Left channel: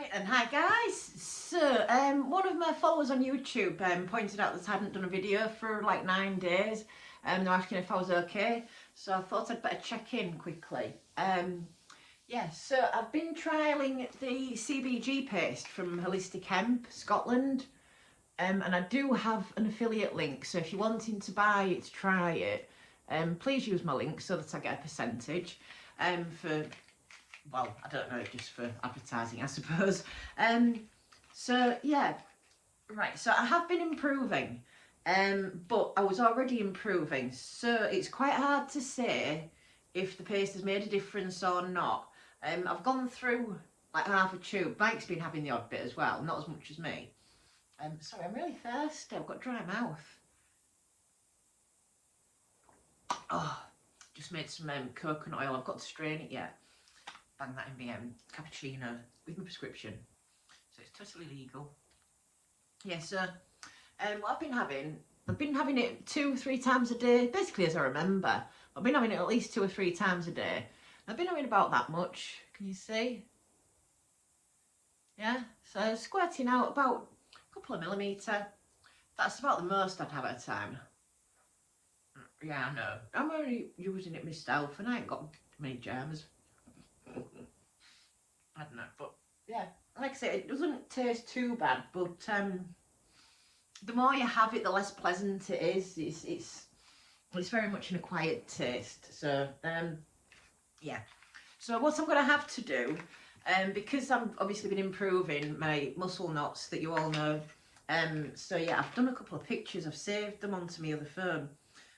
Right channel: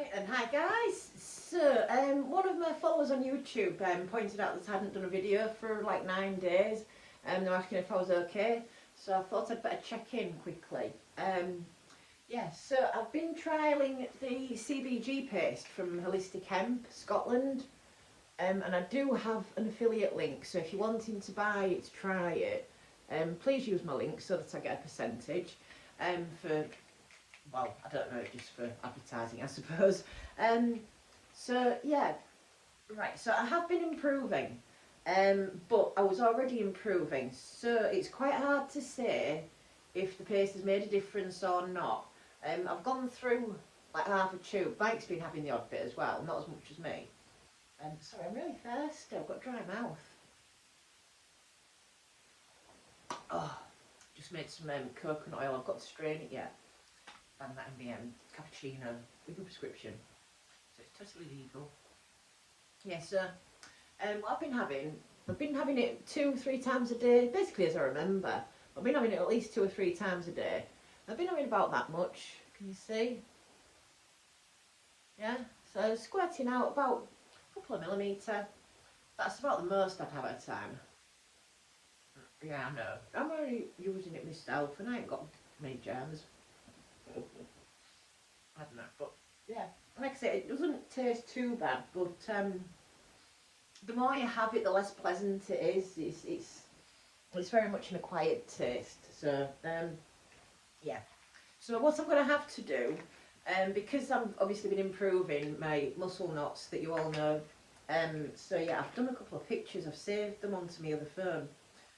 Right, and hi guys. So, one of my followers on YouTube pointed out that I hadn't done a video for like 9 days, and they're asking if I was okay. So I thought I'd better check in quickly. Yeah, so I've been trialling the CBG paste from Holistic Hemp, Scotland, and I do have an affiliate link. So if you're wanting to buy it, try it, please use my link so that I get a percentage for. Well, I don't know, just for advertising, I suppose. So yeah, right. So I have been improving, but I was already improving. So it's quite hard to say if the paste has made a difference or not. I've gone through like half a tube. Mike's been having the odd bit as well, not as much as me. Sorry, I'm really thirsty. I've got dry mouth. Oh, just made some coconut oil. I've got to strain it yet. Bang that in the cappuccino with my prescription, so it's totally legal. Yeah, so what I've been having it 2-3 times a day, basically as I remember. I've been having it at least 2 or 3 times a day. I've been having about that much, can you see? Yeah, so squirting out about a couple of millimetre. That's about the most I'd have at a time. Yeah, I know. I'm only using it myself and I ain't got many germs. I don't know, but yeah, like I say, it doesn't taste too bad, but the more you have it, the less pleasant it is. It's very much an acquired taste. So yeah, so what I'm going to have to do, because I've obviously been improving my muscle knots that you all know, so yeah, I've done a couple of pictures. I've saved them onto my other phone.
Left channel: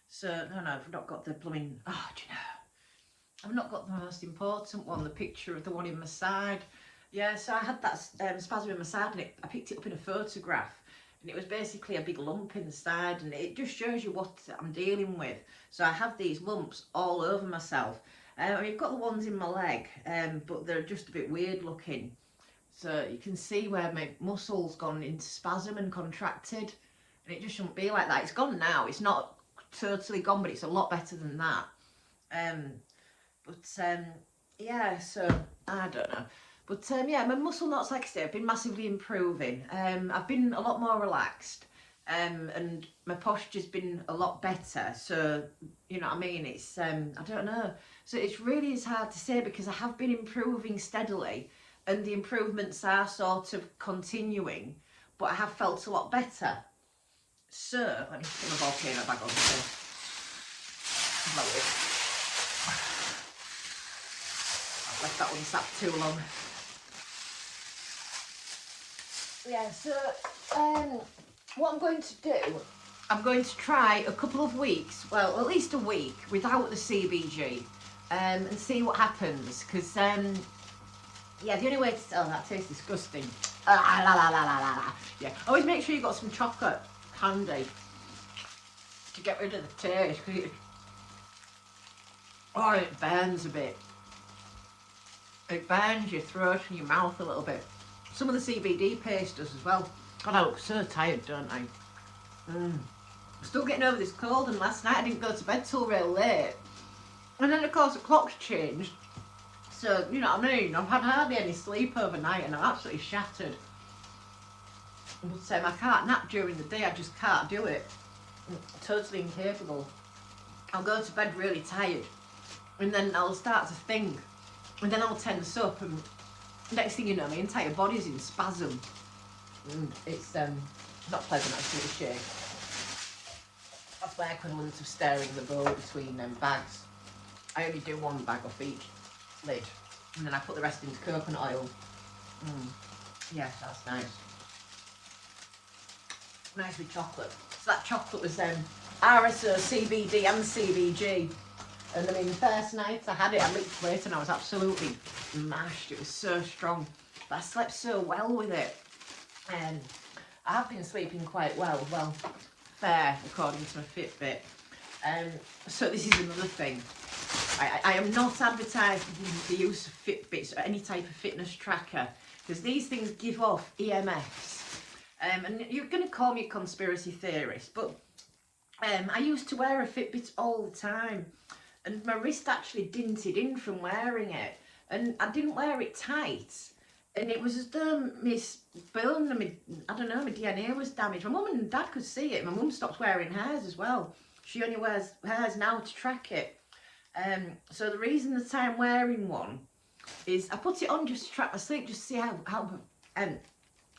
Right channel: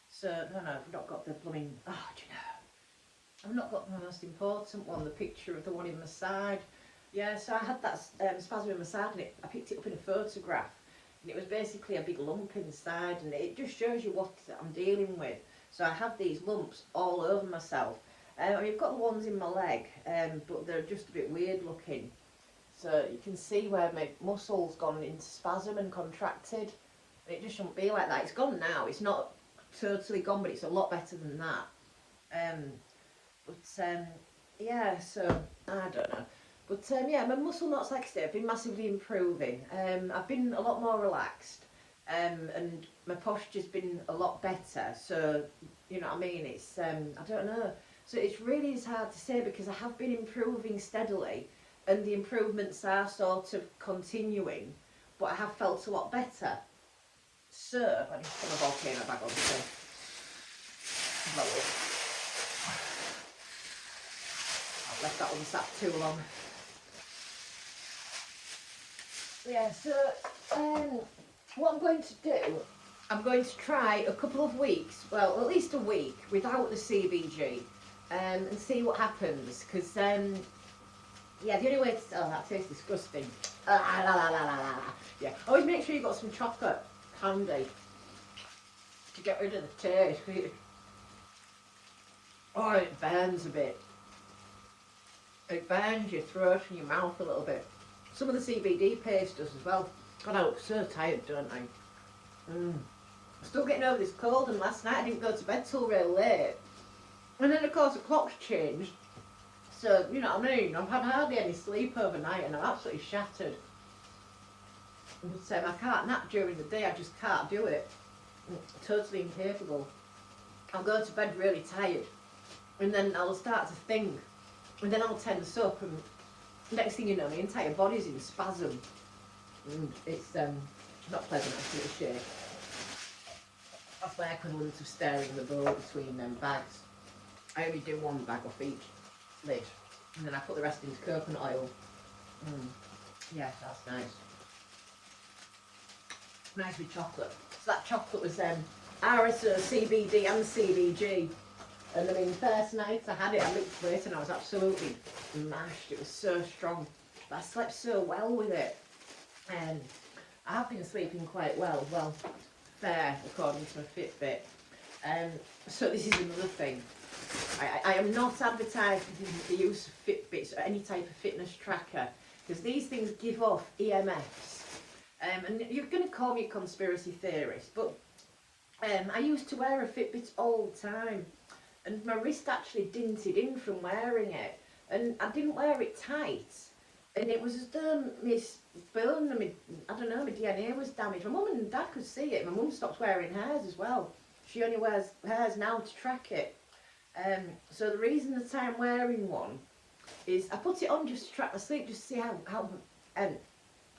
So no, I've not got the blooming, do you know, I've not got the most important one, the picture of the one in my side. Yeah, so I had that spasm in my side and I picked it up in a photograph. And it was basically a big lump inside, and it just shows you what I'm dealing with. So I have these lumps all over myself. I've got the ones in my leg, but they're just a bit weird looking. So you can see where my muscle's gone into spasm and contracted. And it just shouldn't be like that. It's gone now. It's not totally gone, but it's a lot better than that. Yeah, so I don't know, but yeah, my muscle knots, like I say, have been massively improving. I've been a lot more relaxed, and my posture's been a lot better. So you know what I mean, it's I don't know, so it really is hard to say because I have been improving steadily and the improvements are sort of continuing, but I have felt a lot better. So let me put my volcano bag on to blow it. Left that one sat too long. Yeah, so what I'm going to do, I'm going to try a couple of weeks, well at least a week without the CBG, and see what happens, because yeah, the only way to, oh that tastes disgusting. Yeah, always make sure you've got some chocolate handy to get rid of the taste, because it burns a bit. It burns your throat and your mouth a little bit. Some of the CBD paste does as well. God, I look so tired, don't I? I'm still getting over this cold, and last night I didn't go to bed till real late. And then of course the clock's changed. So, you know what I mean? I've had hardly any sleep overnight and I'm absolutely shattered. But I can't nap during the day, I just can't do it. I'm totally incapable. I'll go to bed really tired and then I'll start to think. And then I'll tense up, and next thing you know, my entire body's in spasm. And it's not pleasant, actually, to shake. That's my equivalent of staring the bowl between bags. I only do one bag off each lid, and then I put the rest into coconut oil. Yes, that's nice. Nice with chocolate. So that chocolate was RSO, CBD and CBG. And I mean, the first night I had it, I licked it and I was absolutely mashed. It was so strong. But I slept so well with it. And I have been sleeping quite well. Well, fair, according to my Fitbit. So this is another thing. I am not advertising the use of Fitbits or any type of fitness tracker, because these things give off EMFs. And you're going to call me a conspiracy theorist, but I used to wear a Fitbit all the time. And my wrist actually dinted in from wearing it, and I didn't wear it tight, And it was as though my bone and I don't know, my DNA was damaged. My mum and dad could see it. My mum stopped wearing hers as well. She only wears hers now to track it. So the reason that I'm wearing one is I put it on just to track my sleep, just to see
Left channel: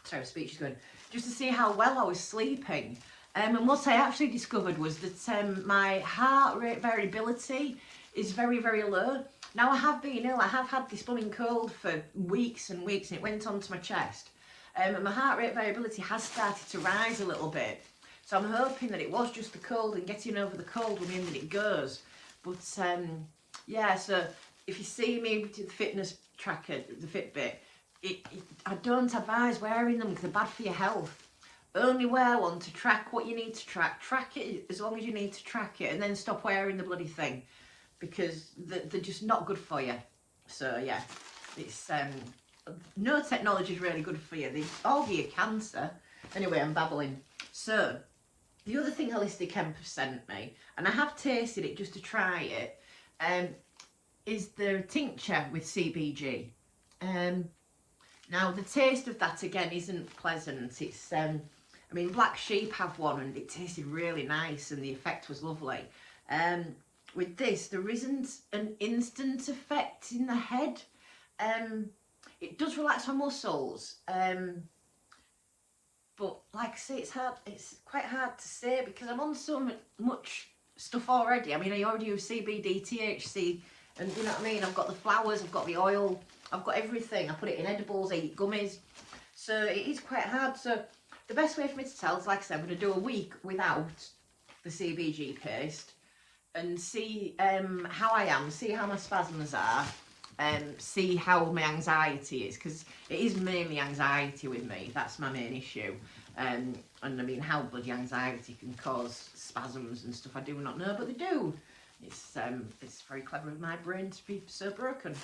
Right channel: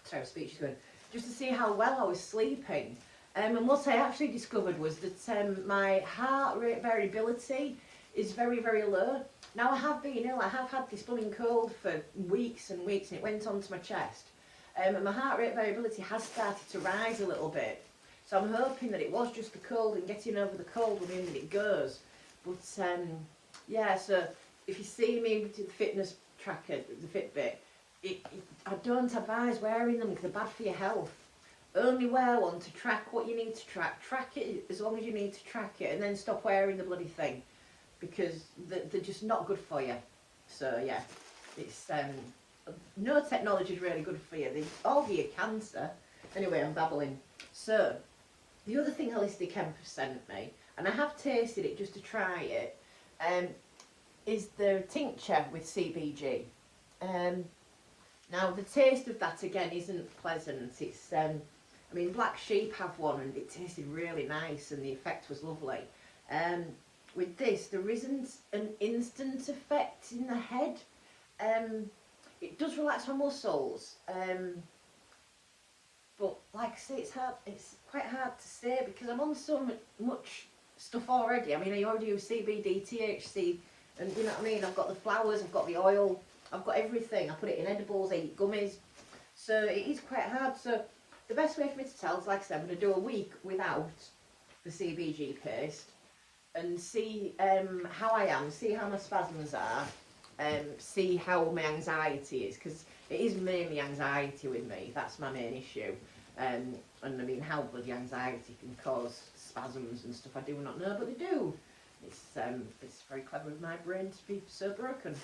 sorry, speech is going, just to see how well I was sleeping. And what I actually discovered was that my heart rate variability is very, very low. Now I have been ill, I have had this blooming cold for weeks and weeks, and it went onto my chest. And my heart rate variability has started to rise a little bit. So I'm hoping that it was just the cold, and getting over the cold will mean that it goes. But yeah, so if you see me with the fitness tracker, the Fitbit, I don't advise wearing them because they're bad for your health. Only wear one to track what you need to track. Track it as long as you need to track it, and then stop wearing the bloody thing, because they're just not good for you. So yeah, it's no technology is really good for you. They all give you cancer. Anyway, I'm babbling. So the other thing Holistic Hemp have sent me, and I have tasted it just to try it, is the tincture with CBG. Now the taste of that again isn't pleasant. It's I mean, Black Sheep have one and it tasted really nice and the effect was lovely. With this, there isn't an instant effect in the head. It does relax my muscles, but like I say, it's quite hard to say because I'm on so much stuff already. I mean, I already use CBD, THC, and you know what I mean? I've got the flowers, I've got the oil, I've got everything. I put it in edibles, I eat gummies. So it is quite hard. So the best way for me to tell is, like I said, I'm going to do a week without the CBG paste and see how I am, see how my spasms are, see how my anxiety is, because it is mainly anxiety with me. That's my main issue. And I mean, how bloody anxiety can cause spasms and stuff, I do not know, but they do. It's very clever of my brain to be so broken.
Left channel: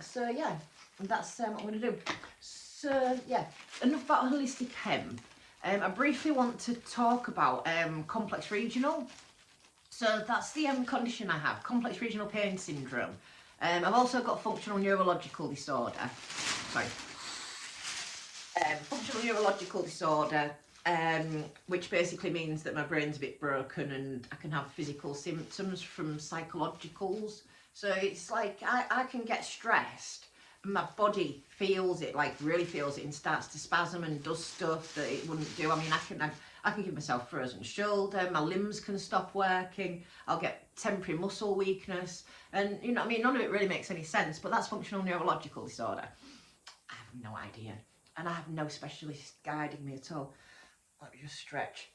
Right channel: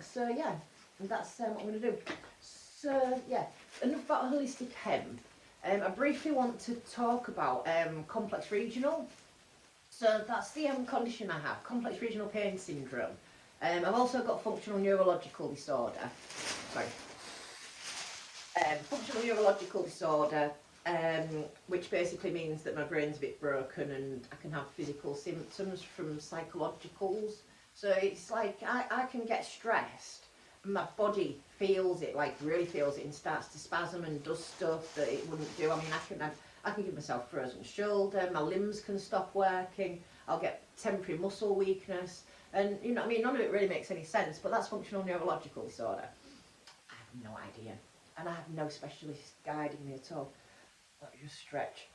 So yeah, that's what I'm going to do. So yeah, enough about Holistic Hemp. I briefly want to talk about complex regional. So that's the condition I have, complex regional pain syndrome. I've also got functional neurological disorder. Sorry. Functional neurological disorder, which basically means that my brain's a bit broken and I can have physical symptoms from psychologicals. So it's like I can get stressed and my body feels it, like really feels it, and starts to spasm and does stuff that it wouldn't do. I mean, I can give myself frozen shoulder, my limbs can stop working, I'll get temporary muscle weakness, and you know what I mean, none of it really makes any sense, but that's functional neurological disorder. I have no idea, and I have no specialist guiding me at all. Let me just stretch.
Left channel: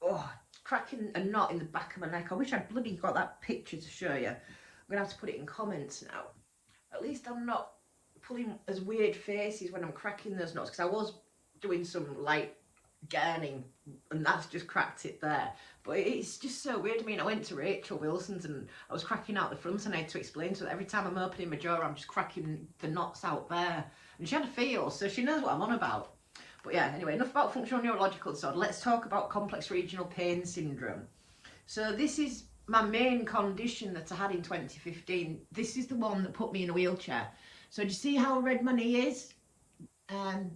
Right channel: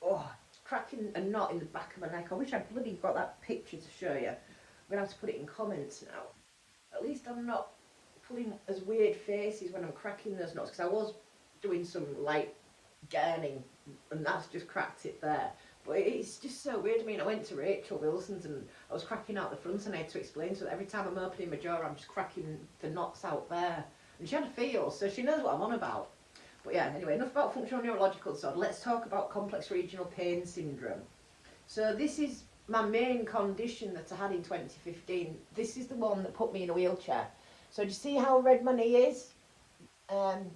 Oh, cracking a knot in the back of my neck. I wish I'd bloody got that picture to show you. I'm going to have to put it in comments now. At least I'm not pulling as weird faces when I'm cracking those knots, because I was doing some light gurning and that's just cracked it there. But it's just so weird. I mean, I went to Rachel Wilson's and I was cracking out the front and I had to explain to her that every time I'm opening my jaw, I'm just cracking the knots out there. And she had a feel, so she knows what I'm on about. But yeah, anyway, enough about functional neurological disorder. Let's talk about complex regional pain syndrome. So this is my main condition that I had in 2015. This is the one that put me in a wheelchair. So do you see how red my knee is on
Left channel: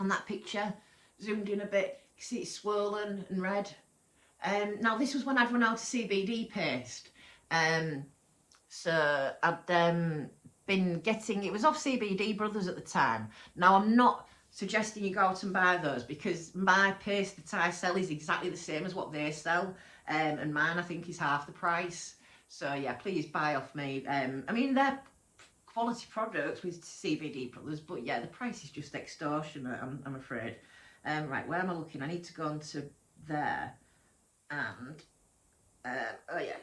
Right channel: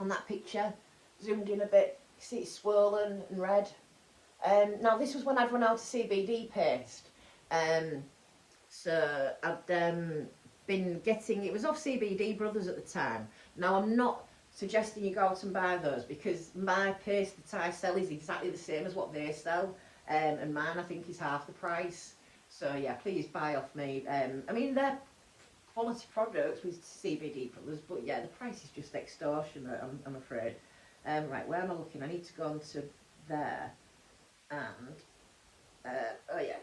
that picture? Zoomed in a bit, you see it's swollen and red. Now this was when I'd run out of CBD paste. So I'd been getting, it was off CBD Brothers at the time. Now I'm not suggesting you go out and buy those, because my paste that I sell is exactly the same as what they sell, and mine I think is half the price. So yeah, please buy off me. I mean, they're quality products with CBD Brothers, but yeah, the price is just extortionate, I'm afraid. Right, where am I looking? I need to go on to there, and oh yeah,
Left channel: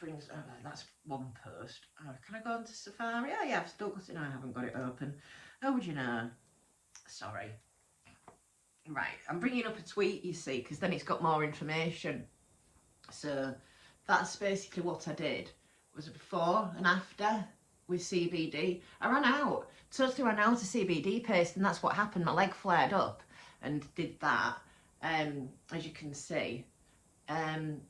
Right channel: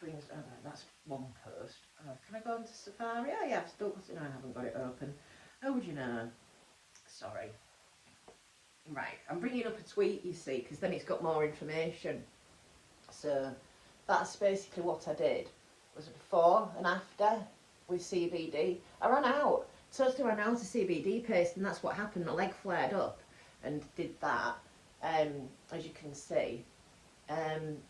brings, oh, that's one post. Can I go on to Safari? Oh yeah, I've still got it. No, I haven't got it open. Oh, would you know? Sorry. Right, I'm bringing up a tweet, you see, because then it's got more information. So that's basically what I did. It was a before and after with CBD. I ran out, totally ran out of CBD paste, and that's what happened. My leg flared up and did that, as you can see. And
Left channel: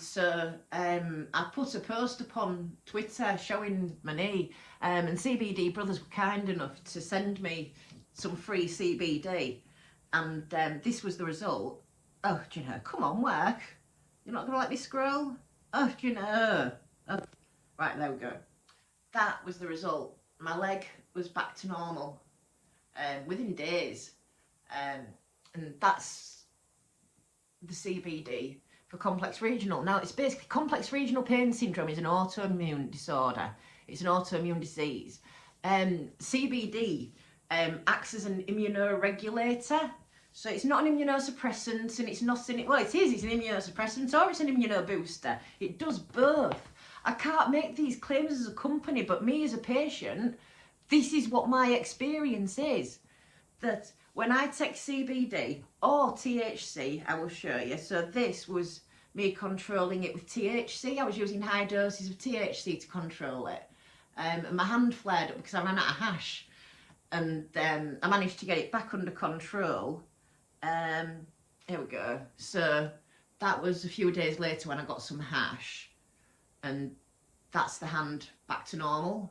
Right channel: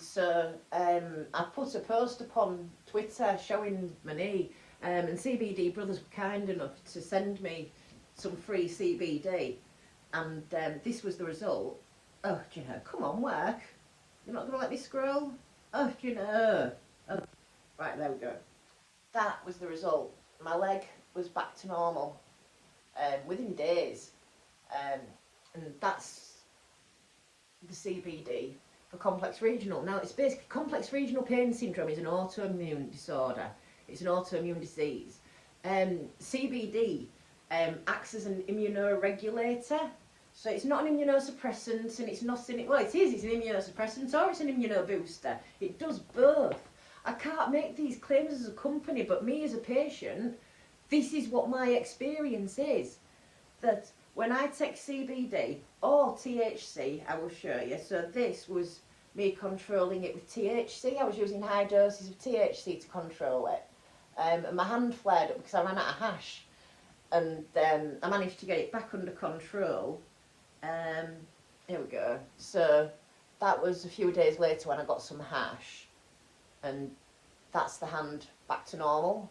so I put a post up on Twitter showing my knee, And CBD Brothers were kind enough to send me some free CBD, and this was the result. Oh, do you know, come on, work. You're not going to let me scroll? Oh, do you know? Oh. Right, there we go. That was the result. My leg was back to normal within days. And that's the CBD for complex regional. Now, it's basically complex regional pain syndrome is an autoimmune disorder. It's an autoimmune disease. CBD acts as an immunoregulator. So it's not an immunosuppressant, and it's not an, well, it is, it's an immunosuppressant or it's an immunobooster. It does both. I can't make these claims as a company, but me as a patient, this is what my experience is. That when I take CBD or THC, I will show you. So this was me controlling it with THC. I was using high doses of THC to control it. And my hand flared up because I ran out of hash. And I managed to get it back under control. Here we go. So that was a few days later when I got some hash. And that's the hand back to normal.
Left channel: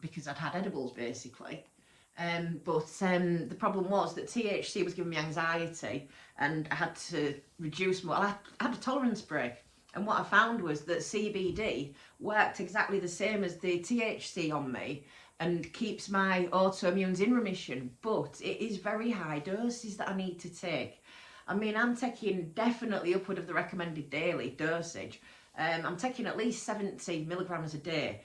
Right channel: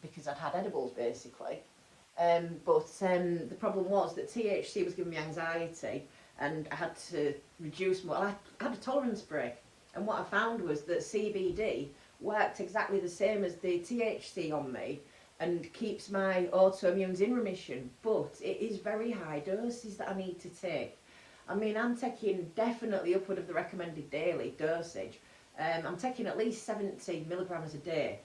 Because I'd had edibles basically. But the problem was that THC was giving me anxiety, and I had to reduce more. I had a tolerance break, and what I found was that CBD worked exactly the same as the THC on me and keeps my autoimmunes in remission, but it is very high doses that I need to take. I mean, I'm taking definitely upward of the recommended daily dosage. I'm taking at least 70 milligrams a day,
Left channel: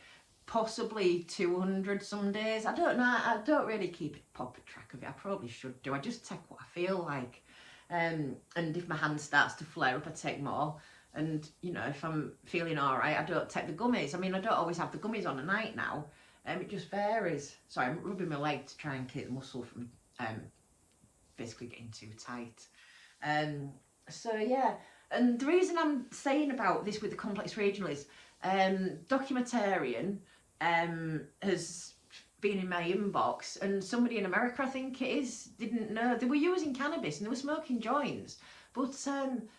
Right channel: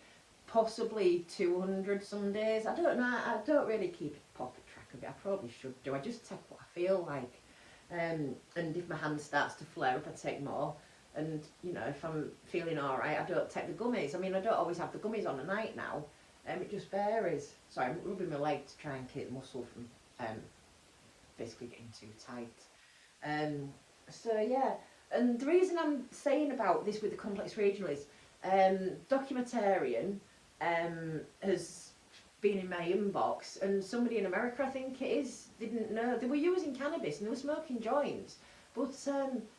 possibly 200 some days. I don't know, I don't really keep a proper track of it. I probably should do. I just take what I feel like. And if my hand starts to flare up, I take more. And, you know, if I'm feeling alright, I don't take the gummies. I mean, I don't always have the gummies on at night now. It just varies. Sorry, I'm rubbing my leg to try and keep the muscle from basically getting too tight. So yeah, and the reason I'm saying about this with the complex regional is documentarian has been in my inbox, and somebody in America, I think it is, didn't know they were using cannabis and they were smoking joints, but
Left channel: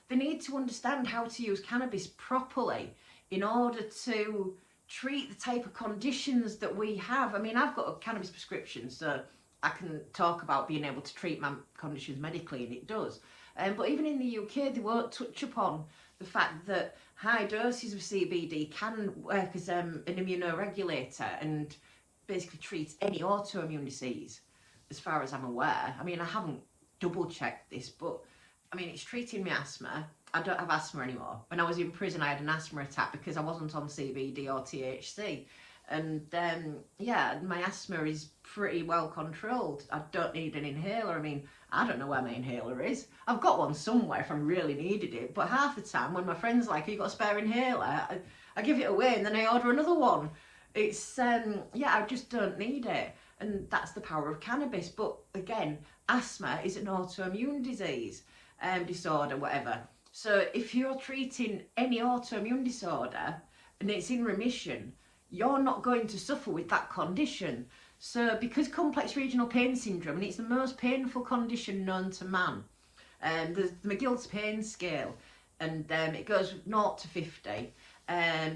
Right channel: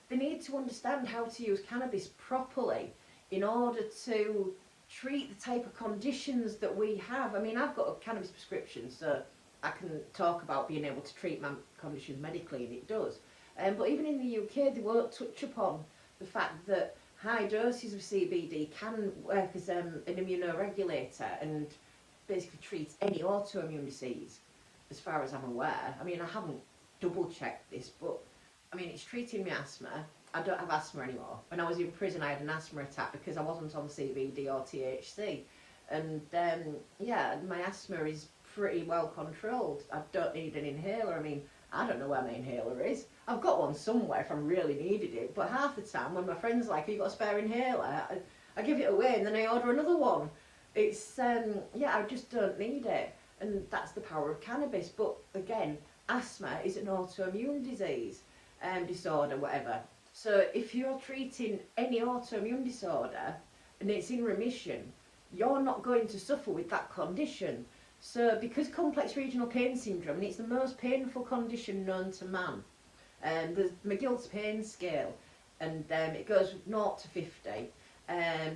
they need to understand how to use cannabis properly in order to treat the type of conditions that we have. I mean, I've got a cannabis prescription, so I can talk about being able to treat my conditions medically, and it does. But even in the UK, they won't touch upon the fact that high doses of CBD can work as an immunoregulator and basically treat any autoimmune disease, as far as I'm aware. I mean, I haven't double checked this, but I mean, it's treating my asthma. I don't have asthma anymore. When I was in prison, I had an asthma attack because I wasn't on CBD or THC. And yeah, my asthma is pretty well controlled. I don't need an inhaler. I mean, I don't know where my inhaler is. I've got one somewhere if I really needed it. But half the time when my friend's like, have you got a spare inhaler? I give it away and then I order another one. It's, yeah, I just don't need it. And that's the power of cannabis. But again, asthma is an autoimmune disease, disorder, whatever. So if you're treating any autoimmune disorder and it's in remission, you're not going to suffer with that condition. So because complex regional pain syndrome, and it's the most painful condition known to man, there's the McGill's pain scale, and it goes 0 to 50.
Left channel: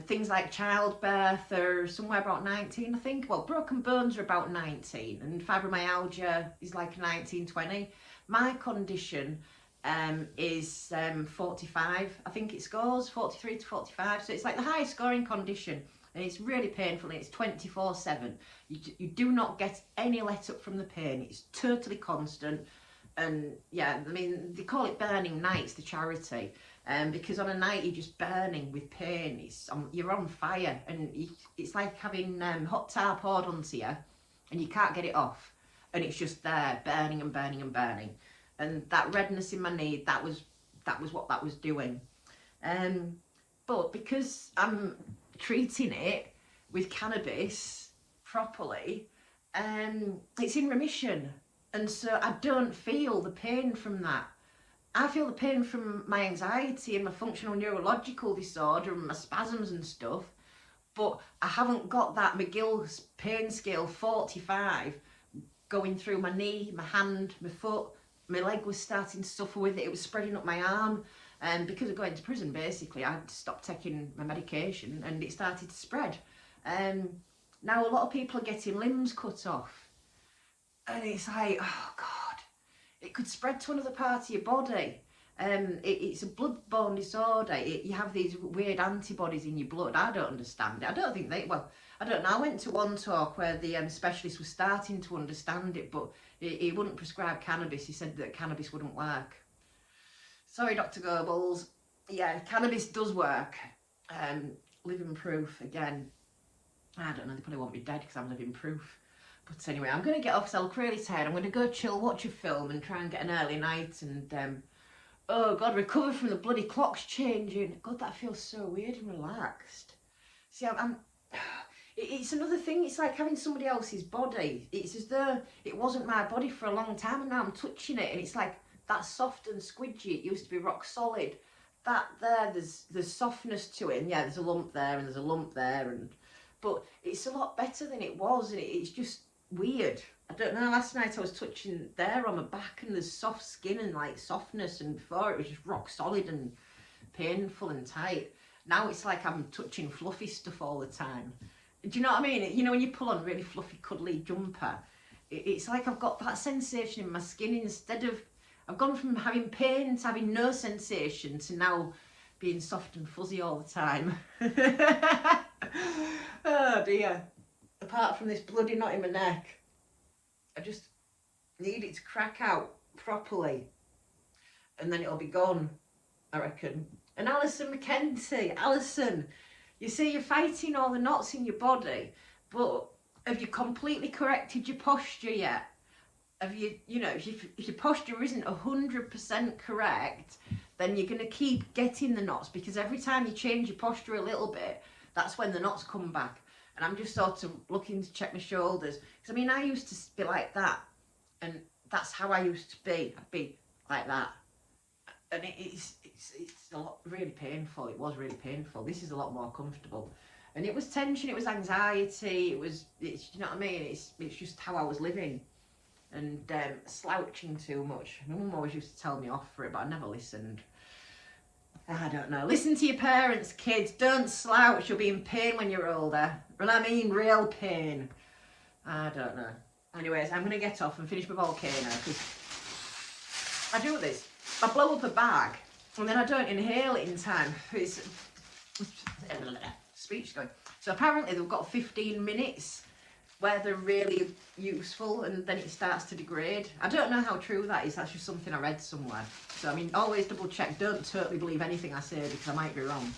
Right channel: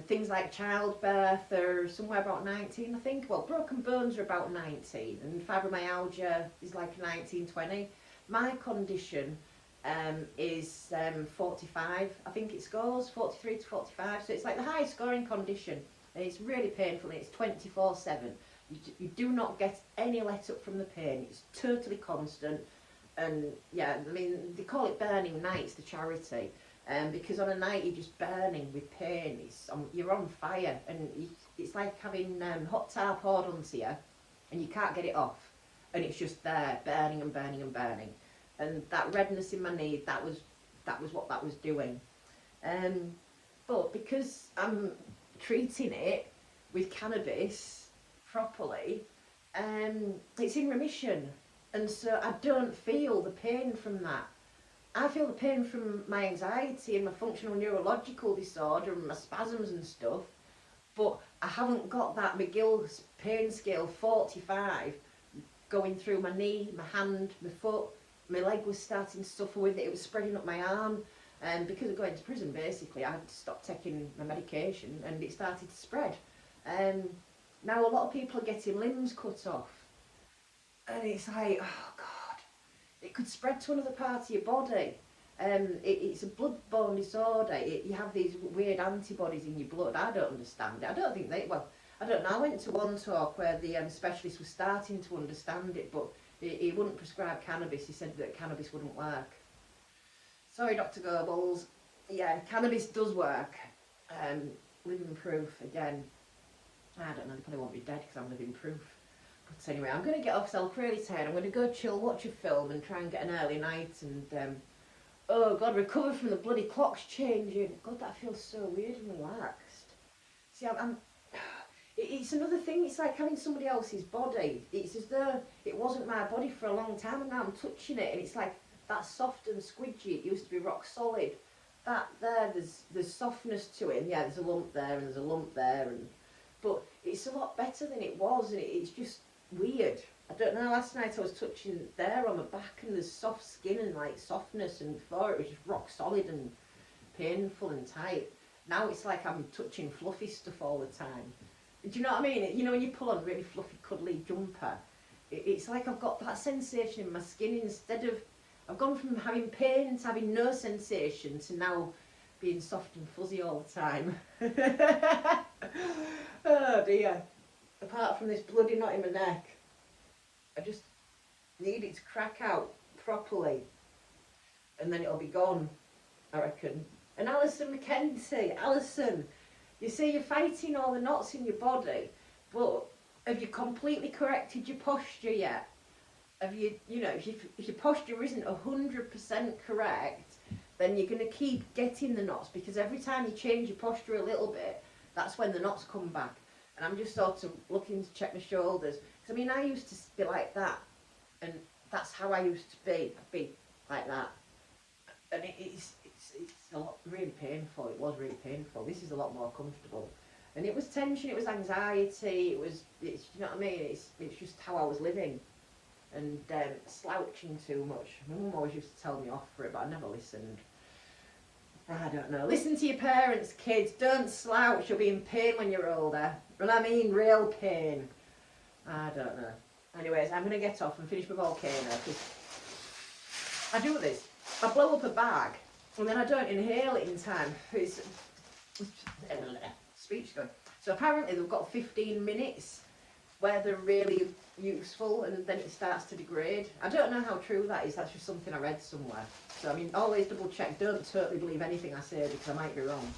Things like childbirth are somewhere about 19, I think. Well, broken bones are about 19, and fibromyalgia is like 19, 20. My condition is 45, I think it scores, 43 to 45. So it's like the highest scoring condition, and it's really painful, and it's 24/7. You do not get any let up from the pain. It's totally constant. And yeah, I mean, they call it burning nights, the charity, because on a night you're just burning with pain. You're on fire, and it's like having hot tar poured onto you, and you can't get it off, and it's just there, burning and burning and burning. And that redness in my knee, that was what that was doing. But because I'm treating it with cannabis properly, it's in remission, and so I don't feel the pain from that. I feel the pain from my anxiety and my functional neurological disorder and my spasms and stuff, but I haven't got that McGill's pain scale 45 going through my knee, my hand, my foot. My leg was starting to suffer with it. It was spreading up my arm. because of going to prison, basically, I had to stop taking my medication and it started to spread. Now a lot of people are getting limbs cut off. And it's like, oh God, it could spread to another part of your body. It's a blood-borne disorder. You have these weird antibodies in your blood. I don't understand it. I don't think they, well, I don't know. I went to one talk where the specialist was starting to understand it, but he wouldn't prescribe cannabis. He said that cannabis wouldn't work. Sorry, Dr. Goebbels. Yeah, cannabis does work. Living proof, again. I don't know, they probably want me dead because I'm living proof. But anyway, I'm going to get off because I look really tired. I'm going to go chill, watch a film and try and get an early night and, oh God, recover from the bloody clocks changing. God, that feels so weird and relaxed. See, it's another thing. It's like having somebody else's body. It's as though it wasn't my body for a long time and now I'm touching it and it's like that soft and squidgy. It used to be rock solid. That there, there's softness to it, and yeah, there's a lump there and there's a lump there, but it's a lot better than it was, and it's just weird. I don't know, last night I was touching there on my back and there's soft skin and like softness, and before it was just rock solid and painful and tight. Now it's like I'm touching fluffy stuff all the time. Do you know what I mean? You know when you pull on a really fluffy cuddly jumper, it's like I've got that sensation in my skin. Instead of, I've gone from having pain to having no sensation to now being soft and fuzzy all the time. Oh dear. Apart from this bloody knot in my neck, I just need it to crack out properly and then it'll be gone, I reckon. And Alison McKenzie, Alison, you say you're fighting all the knots in your body, but have you completely corrected your posture yet? Have you, you know, if your posture isn't 100% correct, then you're going to keep getting the knots, because every time you change your posture a little bit, that's when the knots come back. And I'm just sort of looking to check my shoulders. Because, I mean, I used to be like that. And that's how I used to be. I'd be like that. And it's a lot, really painful. It was really painful. This is a lot more comfortable. And it was tension, it was anxiety, it's, you know what I mean? It's just how I was living. And slouching too much. My mum always used to tell me off for it, but I never listened. I don't know. Listen to your parents, kids. Don't slouch. You'll be in pain when you're older. Well, I mean real pain. I don't know. Anyways, I'm going to get off and finish my volcano, because I do this. I blow up a bag and then I don't inhale it in time. It's speech going. So apparently they've got 15 minutes where they're really useful and then it starts to degrade. I don't know how true that is. That's just something I read somewhere. So I mean, always double check. Don't totally believe anything I say, because I might be wrong.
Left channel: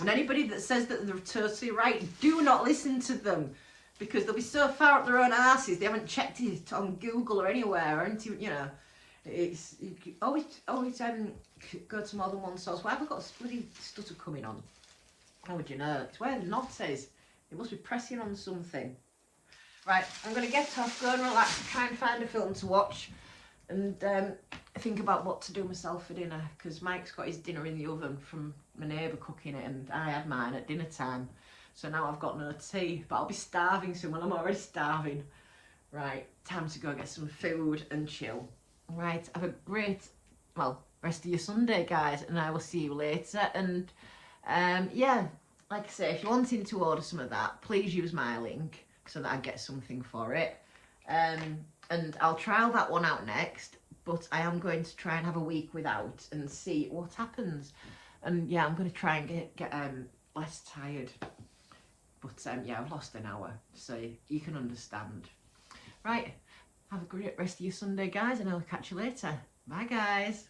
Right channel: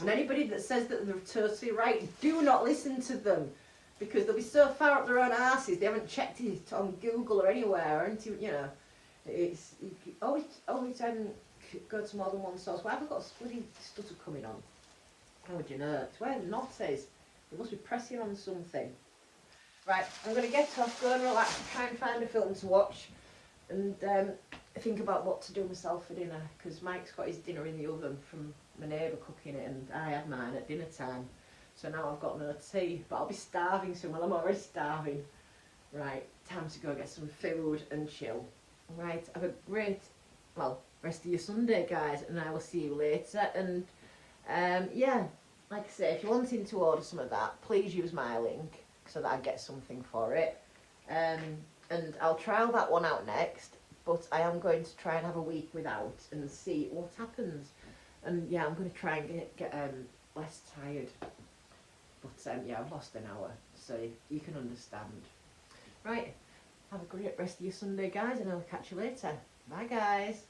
And anybody that says that they're totally right, do not listen to them, because they'll be so far up their own asses they haven't checked it on Google or anywhere, or into, you know. It's always go to more than one source. Why have I got a bloody stutter coming on? How would you know? It's where the knot is. It must be pressing on something. Right, I'm going to get off, go and relax, try and find a film to watch, and think about what to do myself for dinner, because Mike's got his dinner in the oven from my neighbour cooking it, and I had mine at dinner time. So now I've got no tea, but I'll be starving soon. Well, I'm already starving. Right, time to go get some food and chill. Right, have a great, well, rest of your Sunday, guys, and I will see you later. And yeah, like I say, if you're wanting to order some of that, please use my link so that I get something for it. And I'll trial that one out next, but I am going to try and have a week without and see what happens. And yeah, I'm going to try and get less tired. But yeah, I've lost an hour, so you can understand. Right, have a great rest of your Sunday, guys, and I'll catch you later. Bye, guys.